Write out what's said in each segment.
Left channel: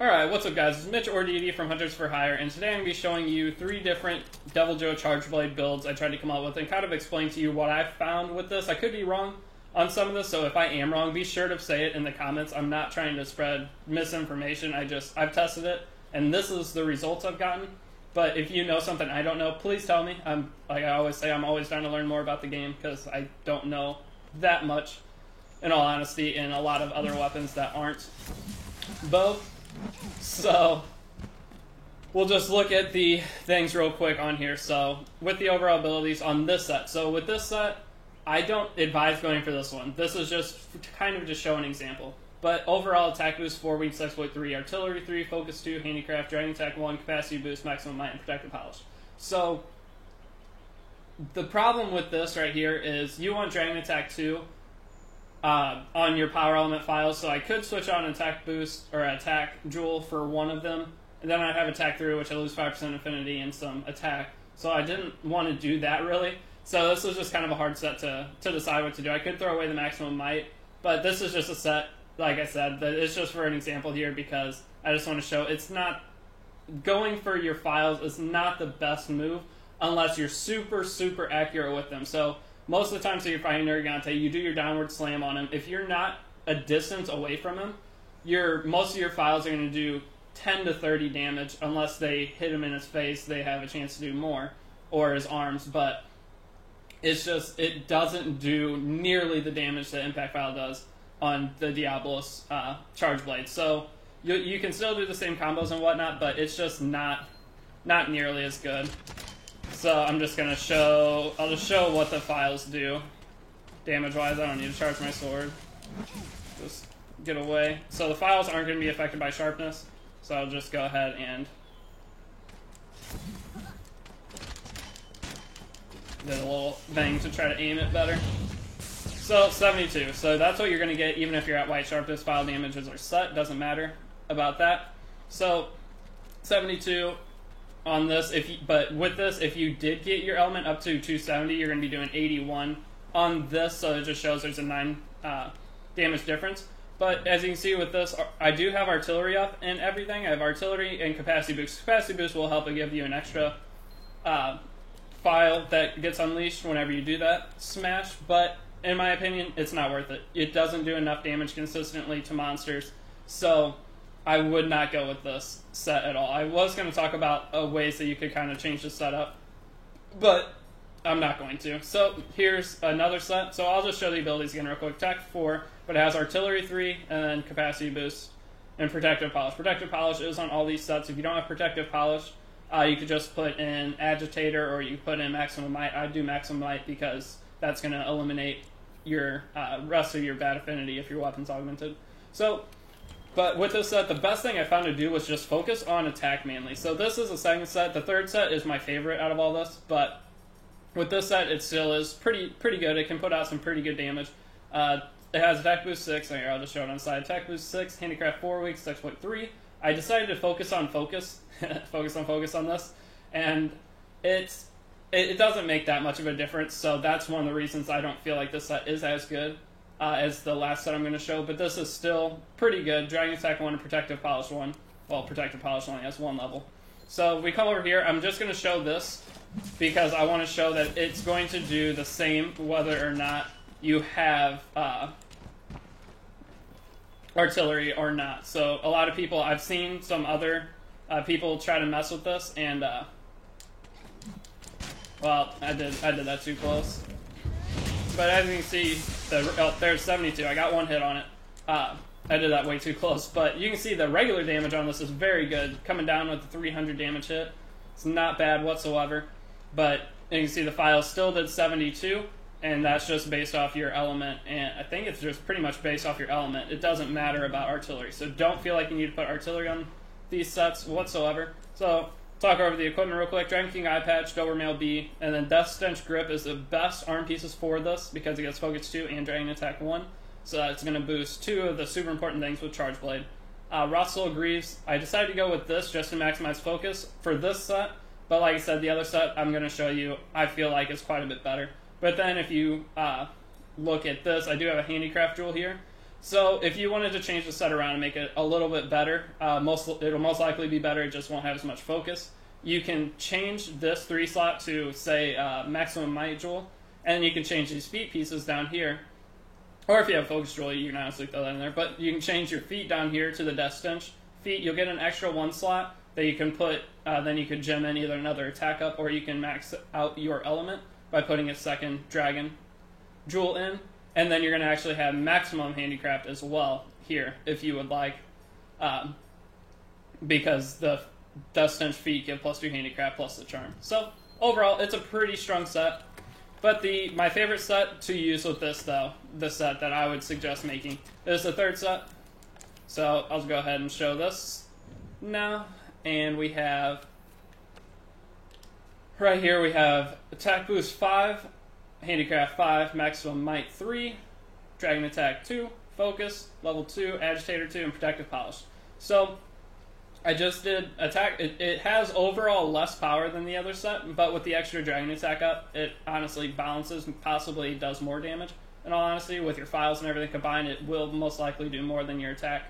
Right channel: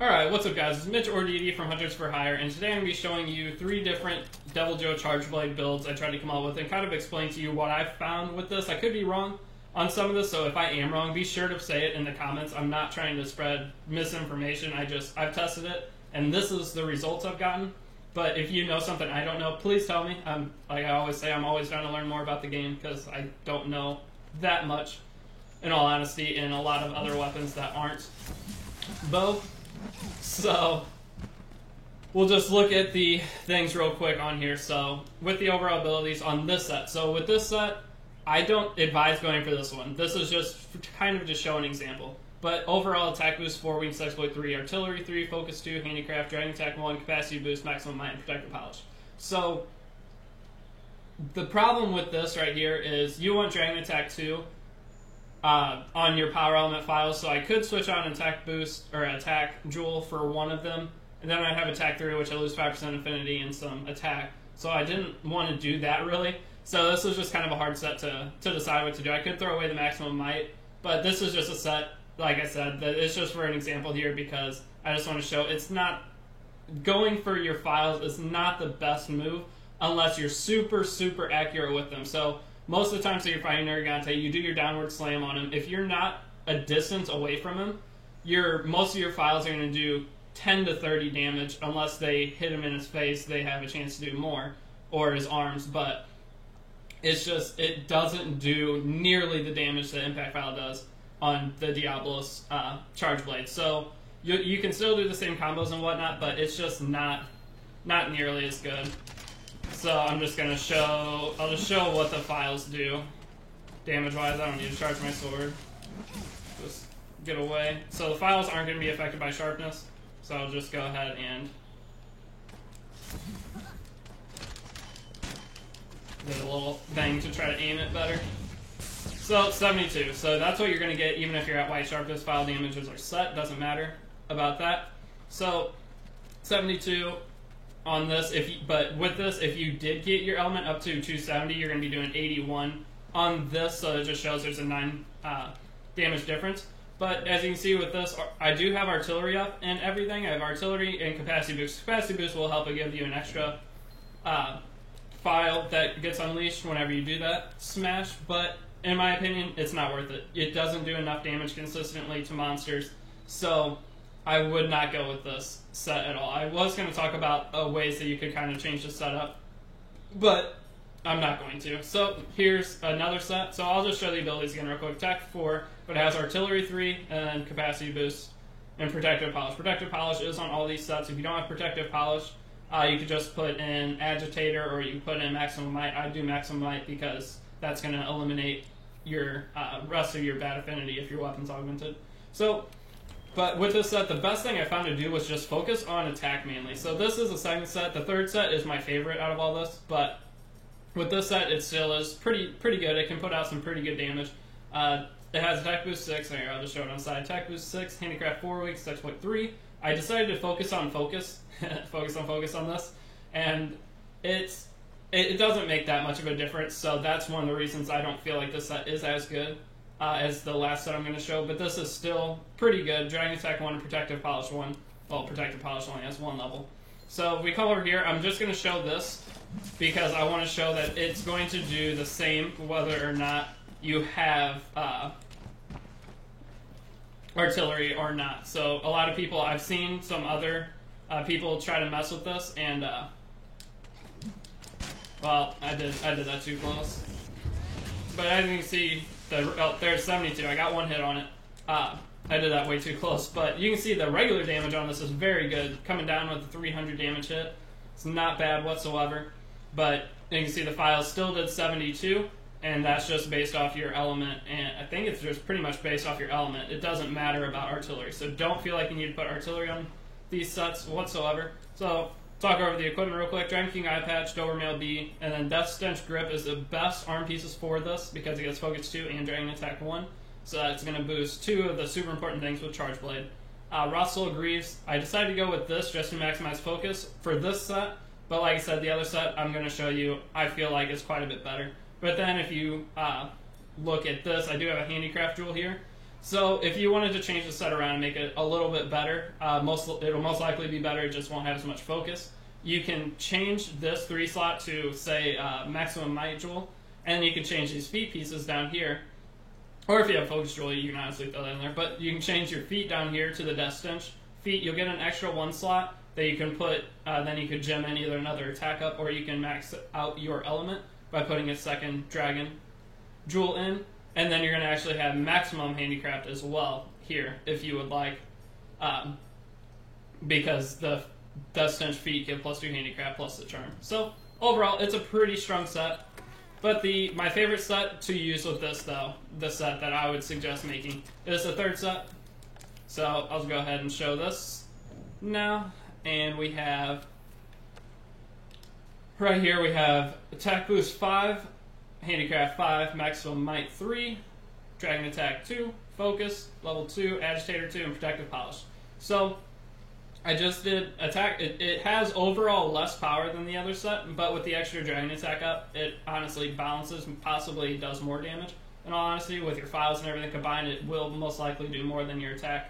Alright, what's up guys? It's Mitch Ordidi from Hunters for Hire, and today I'm going to be showing you 3 different Deviljho Charge Blade builds I tried to come up with and kind of explain to you what I found with this. I could be wrong on some of this, so if I am wrong, be sure to say it in the comments. I'm not trying to spread misinformation, I've tested it, and this is the results I've gotten. But if you know something I don't know, please tell me. Like I always say, I'm always trying to learn more about the game because I don't know that much, in all honesty, and a lot of other weapons that aren't bow. So, we'll just look at the things real quick on here. So, with the overall abilities on this set. So, with this set, I don't advise going for this one. This is just kind of just show an example. But overall attack boost 4, weakness exploit 3, artillery 3, focus 2, handicraft, dragon attack 1, capacity boost, maximum might, and protective polish. So, the problem with this right here is you want dragon attack 2 on your power element files, so I could switch on attack boost or attack jewel for one of them, and then I'd have attack 3, which I lose 5% affinity and some attack. So I didn't want to do that really. So this was just kind of a hard set to decide what to do. I could throw away the maximum might, but this is just a set, like I said, that it's just for an example here because I just want to show it's not going for your files is not the best move unless you're super accurate with them. So most of the time, so you're fighting Nergigante, you do your downward slam on him. If you're not a distance away from him, most of your files are going to do 10 to 30 damage. Unless they hit him in his face, they have a chance to do more, or his arms. But it's just, it doesn't do nearly the damage that Impact File does on the Diablos Charge Blade. So you can still do the same combos and whatnot, but it's just not nearly as good. So I'm just gonna I'll just show what the files do. Damage-wise, I don't need to charge my sword. Just get away. So the files aren't gonna be affected by sharpness, so I'll just go ahead and did a little thing to try to aim it better. So 72. So that's what you're gonna get even if you're at white sharpness. File damages are set, doesn't matter about that. So 72 on this, but with this, if you did get your element up to 270, you're going to be doing 81 on this, so it just shows there's a 9 damage difference. But as you can see with this, I do have artillery up and everything. I have artillery and capacity boost. Capacity boost will help to give you an extra file that gets unleashed whenever you do that smash, but in my opinion, it's not worth it. It doesn't do enough damage consistently to monsters, so I would not go with this set at all. I was going to talk about ways that you could kind of change the setup, but I'm not going to. So here's another set. So I'll just show the abilities again real quick. Attack 4, but it has artillery 3 and then capacity boost and protective polish. Protective polish is on all these sets. If you don't have protective polish, you could just put in agitator or you can put in maximum might. I do maximum might because that's going to eliminate your rest of your bad affinity if your weapon's augmented. But with this set, the best thing I found to do was just focus on attack mainly. So this is the second set. The third set is my favorite out of all this, but with this set, it still is pretty good. It can put out some pretty good damage. It has attack boost 6. Here, I'll just show it on the side. Attack boost 6, handicraft 4, weakness exploit 3. I decided to focus on focus on this, and it doesn't make that much of a difference. So that's one of the reasons I don't feel like this set is as good as the last set I'm going to show, but this is still pretty good. Dragon Attack 1 and Protective Polish 1. Well, Protective Polish only has 1 level. So we come over here. I'm just going to show this because I want to show that it's going to do the same whether or not you have artillery or not. So a lot of people, I've seen some other people try to mess with this, and well, I did that too close. But as you can see, there's 72. I got 1 hit on it. I did that way too close. But you can see the regular damage on this is very good. Coming down with the 300 damage hit. It's not bad whatsoever. But you can see the file still did 72. And that's just based off your element. And I think it's just pretty much based off your element. It doesn't matter about artillery. So don't feel like you need to put artillery on these sets whatsoever. So talk over the equipment real quick. Dragon King Eye Patch, Dobermail B, and then Death Stench Grip is the best arm pieces for this because it gets Focus 2 and Dragon Attack 1. So that's going to boost 2 of the super important things with Charge Blade. Rothsoul Greaves, I decided to go with this just to maximize focus for this set, but like I said, the other set I'm going to show you, I feel like it's quite a bit better. But then if you look at this, I do have a handicraft jewel here. So if you wanted to change the set around and make it a little bit better, it'll most likely be better. It just won't have as much focus. You can change this 3 slot to, say, maximum might jewel, and then you can change these feet pieces down here. Or if you have focus jewel, you can honestly throw that in there. But you can change your feet down here to the Death Stench feet. You'll get an extra 1 slot that you can put, then you could gem in either another attack up, or you can max out your element by putting a second dragon jewel in. And then you're going to actually have maximum handicraft as well here, if you would like, because the Death Stench feet give +2 handicraft plus the charm. So overall, it's a pretty strong set. But my favorite set to use with this, though, the set that I would suggest making, is the 3rd set. So I'll go ahead and show this now. And we have, right here, we have attack boost 5, handicraft 5, maximum might 3, dragon attack 2, focus, level 2, agitator 2, and protective polish. So I just did attack. It has overall less power than the other set, but with the extra dragon attack up, it honestly balances and possibly does more damage. In all honesty, with your files and everything combined, it will most likely do more than your attack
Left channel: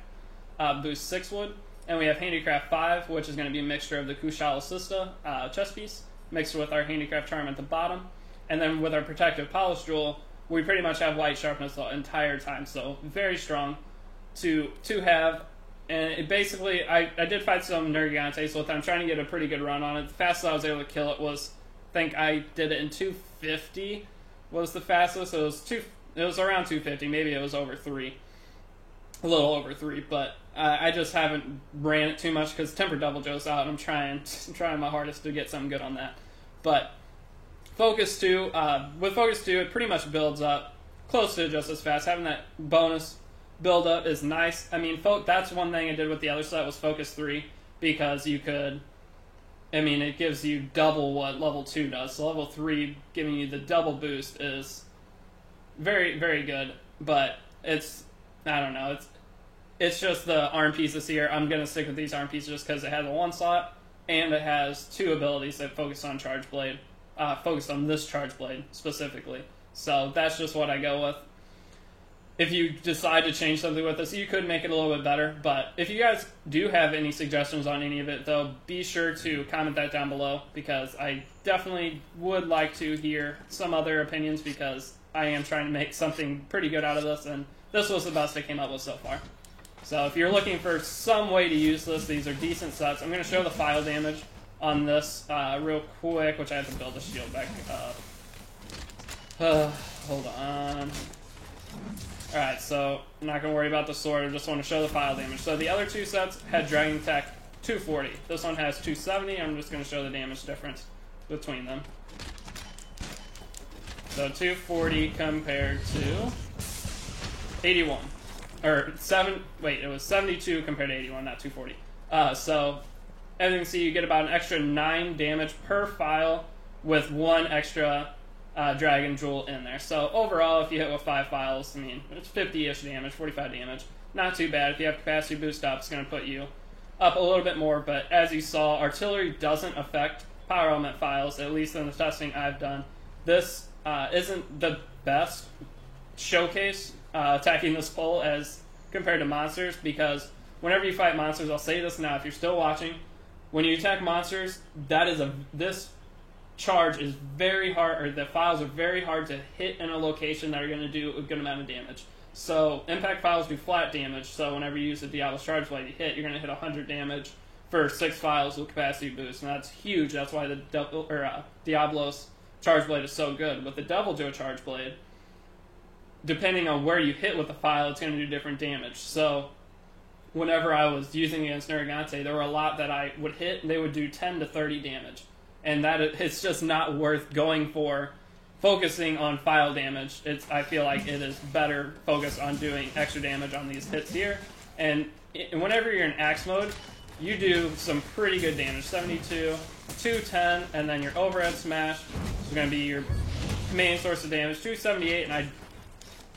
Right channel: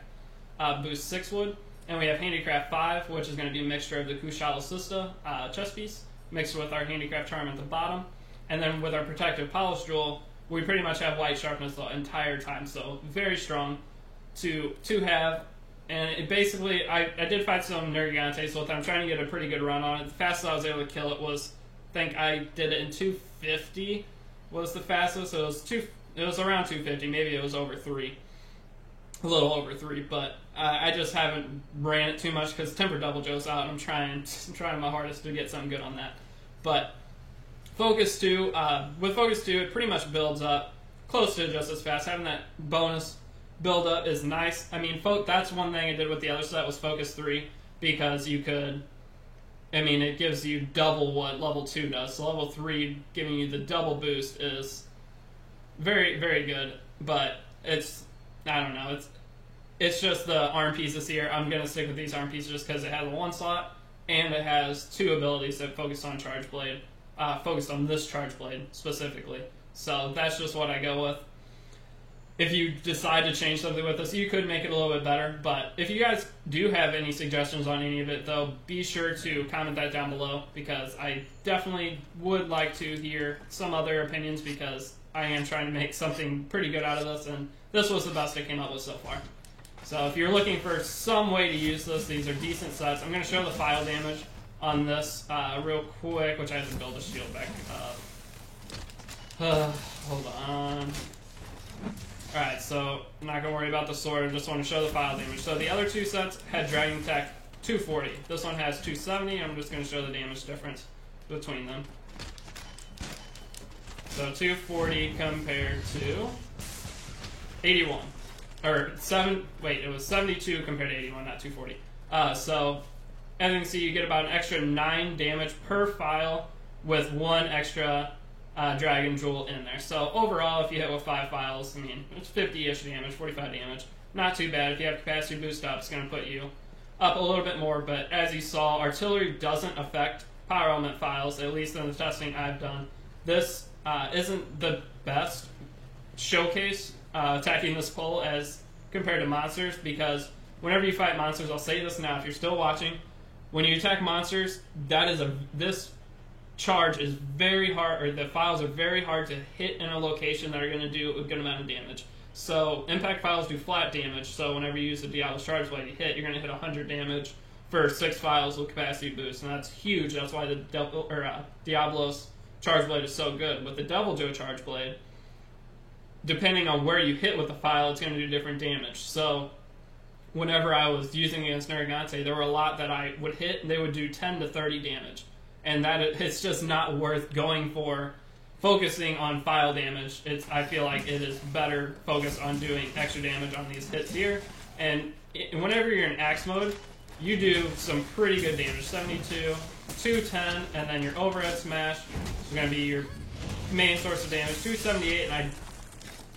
boost 6 would. And we have handicraft 5, which is going to be a mixture of the Kushala Sista chest piece, mixed with our handicraft charm at the bottom. And then with our protective polish jewel, we pretty much have white sharpness the entire time, so very strong to have. And it basically, I did fight some Nergigantes with it. I'm trying to get a pretty good run on it. The fastest I was able to kill it was, I think I did it in 250 was the fastest. It was around 250, maybe it was over 3. A little over 3, but I just haven't ran it too much because Temper Double Joe's out, and I'm trying my hardest to get something good on that. But Focus 2, with Focus 2, it pretty much builds up close to just as fast. Having that bonus build up is nice. I mean, that's one thing I did with the other set was Focus 3, because you could, I mean, it gives you double what level 2 does. So level 3 giving you the double boost is very, very good, but it's, I don't know, it's just the arm pieces here. I'm going to stick with these arm pieces just because it has a 1 slot, and it has 2 abilities that focus on Charge Blade, focus on this Charge Blade specifically. So that's just what I go with. If you decide to change something with this, you could make it a little bit better. But if you guys do have any suggestions on any of it, though, be sure to comment that down below, because I definitely would like to hear some other opinions, because I am trying to make something pretty good out of this, and this was the best I came up with so far. So if you're looking for some way to use this, these are decent sets. I'm going to show the file damage on this real quick, which I have to build a shield back up. Hold on. Alright, so I'm not going to worry about the sword, I just want to show the file damage. So the other 2 sets had Dragon Attack 240. This one has 270, I'm just going to show the damage difference between them. So 240 compared to 81. Or it was 72 compared to 81, not 240. So, as you can see, you get about an extra 9 damage per file with 1 extra Dragon Jewel in there. So overall, if you hit with 5 files, I mean, it's 50-ish damage, 45 damage. Not too bad. If you have capacity boost up, it's going to put you up a little bit more. But as you saw, artillery doesn't affect power element files, at least in the testing I've done. This isn't the best showcase attacking this pole as compared to monsters, because whenever you fight monsters, I'll say this now if you're still watching, when you attack monsters, this charge is very hard, or the files are very hard to hit in a location that are going to do a good amount of damage. So impact files do flat damage, so whenever you use the Diablo's Charge Blade, you hit, you're going to hit 100 damage for 6 files with capacity boost, and that's huge. That's why the Diablo's Charge Blade is so good. With the Devil Joe Charge Blade, depending on where you hit with the file, it's going to do different damage. So whenever I was using against Nergigante, there were a lot that I would hit, and they would do 10 to 30 damage. And it's just not worth going for focusing on file damage. I feel like it is better focused on doing extra damage on these hits here. And whenever you're in axe mode, you do some pretty good damage. 72, 210, and then your overhead smash is going to be your main source of damage. 278, and I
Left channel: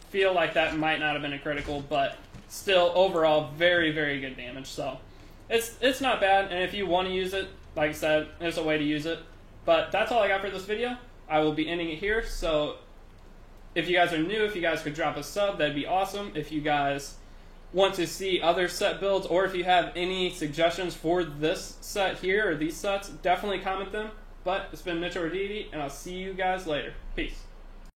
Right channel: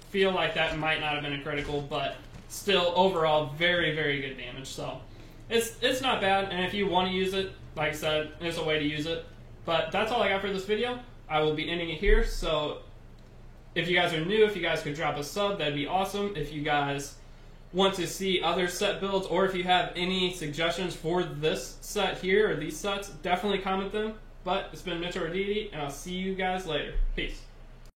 feel like that might not have been a critical, but still overall very, very good damage. So it's not bad, and if you want to use it, like I said, there's a way to use it. But that's all I got for this video. I will be ending it here, so If you guys are new, if you guys could drop a sub, that'd be awesome. If you guys want to see other set builds, or if you have any suggestions for this set here or these sets, definitely comment them. But it's been Mitchell Arditi, and I'll see you guys later. Peace.